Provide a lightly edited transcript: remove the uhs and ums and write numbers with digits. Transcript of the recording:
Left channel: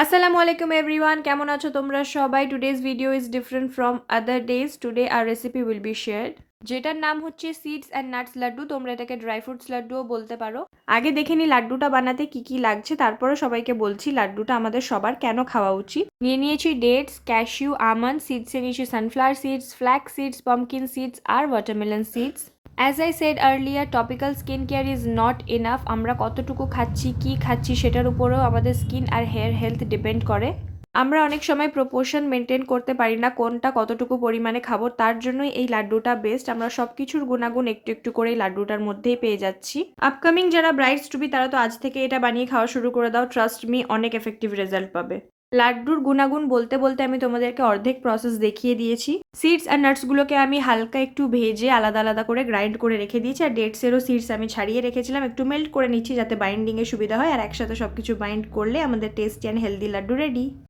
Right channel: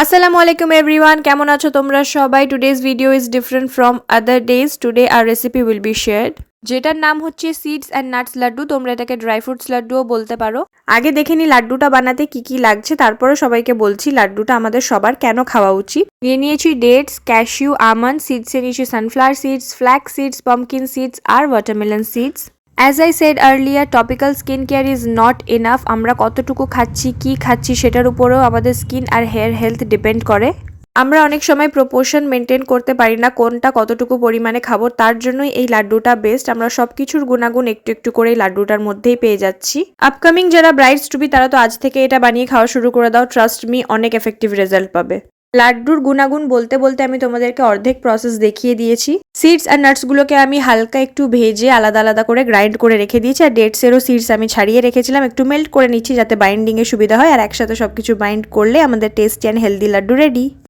আসসালামু আলাইকুম এভরিওয়ান, কেমন আছো তোমরা সবাই? Today's video is different from other days. Today our recipe will be shared, যেটার নাম হচ্ছে সিডস অ্যান্ড নাটস লাড্ডু। তোমরা এটাকে ড্রাই ফ্রুটস লাড্ডুও বলতে পারো। আগে দেখে নি লাড্ডুটা বানাতে কি কি লাগছে, তারপরে সবাইকে বলছি লাড্ডুটা আমাদের সবার কেন খাওয়া উচিত। নিয়ে নিয়েছি ডেটস, ক্যাশিউ, আমন্ড সিডসে নিয়েছি sunflower seeds, flax seeds, pumpkin seeds আর watermelon seeds. As I said earlier, topical skin care is not enough. আমরা কতটুকু খাচ্ছি, কি খাচ্ছি সেটার উপরেও আমাদের স্কিন আর হেয়ার হেলথ ডিপেন্ড করে। আমরা অনেক সময় প্রপোর্শন মেনটেন করতে পারি না, কোনটা কতটুকু পরিমাণে খাবো। তার জন্যই এই লাড্ডুটা বেস্ট। আমরা সব কিছুর গুণাগুণ একটু একটু করে এই লাড্ডুটার মধ্যেই পেয়ে যাচ্ছি। আপকামিং যারা ব্রাইডস টু বি তারা তো আজ থেকে এটা বানিয়ে খাওয়া শুরু করে দাও। ট্রাস্ট মি, অনেক এফেক্টিভ রেজাল্ট পাবে। লাড্ডুর গুণাগুণ বলতে বলতে আমি তোমাদেরকে অর্ধেক প্রসেস দেখিয়ে দিয়েছি। সিডস আর নাটসগুলোকে আমি হালকা একটু ভেজে আলাদা আলাদা করে গ্রাইন্ড করে রেখে দিয়েছি। আর ডেটসেরও সিডস আমি ছাড়িয়ে রেখেছিলাম, একটু মেল্ট করে নিচ্ছি যাতে বাইন্ডিংয়ে সুবিধা হয়। আর একসাথে সবকিছু বাইন্ড করলে আমাদের tasty and healthy laddu ready.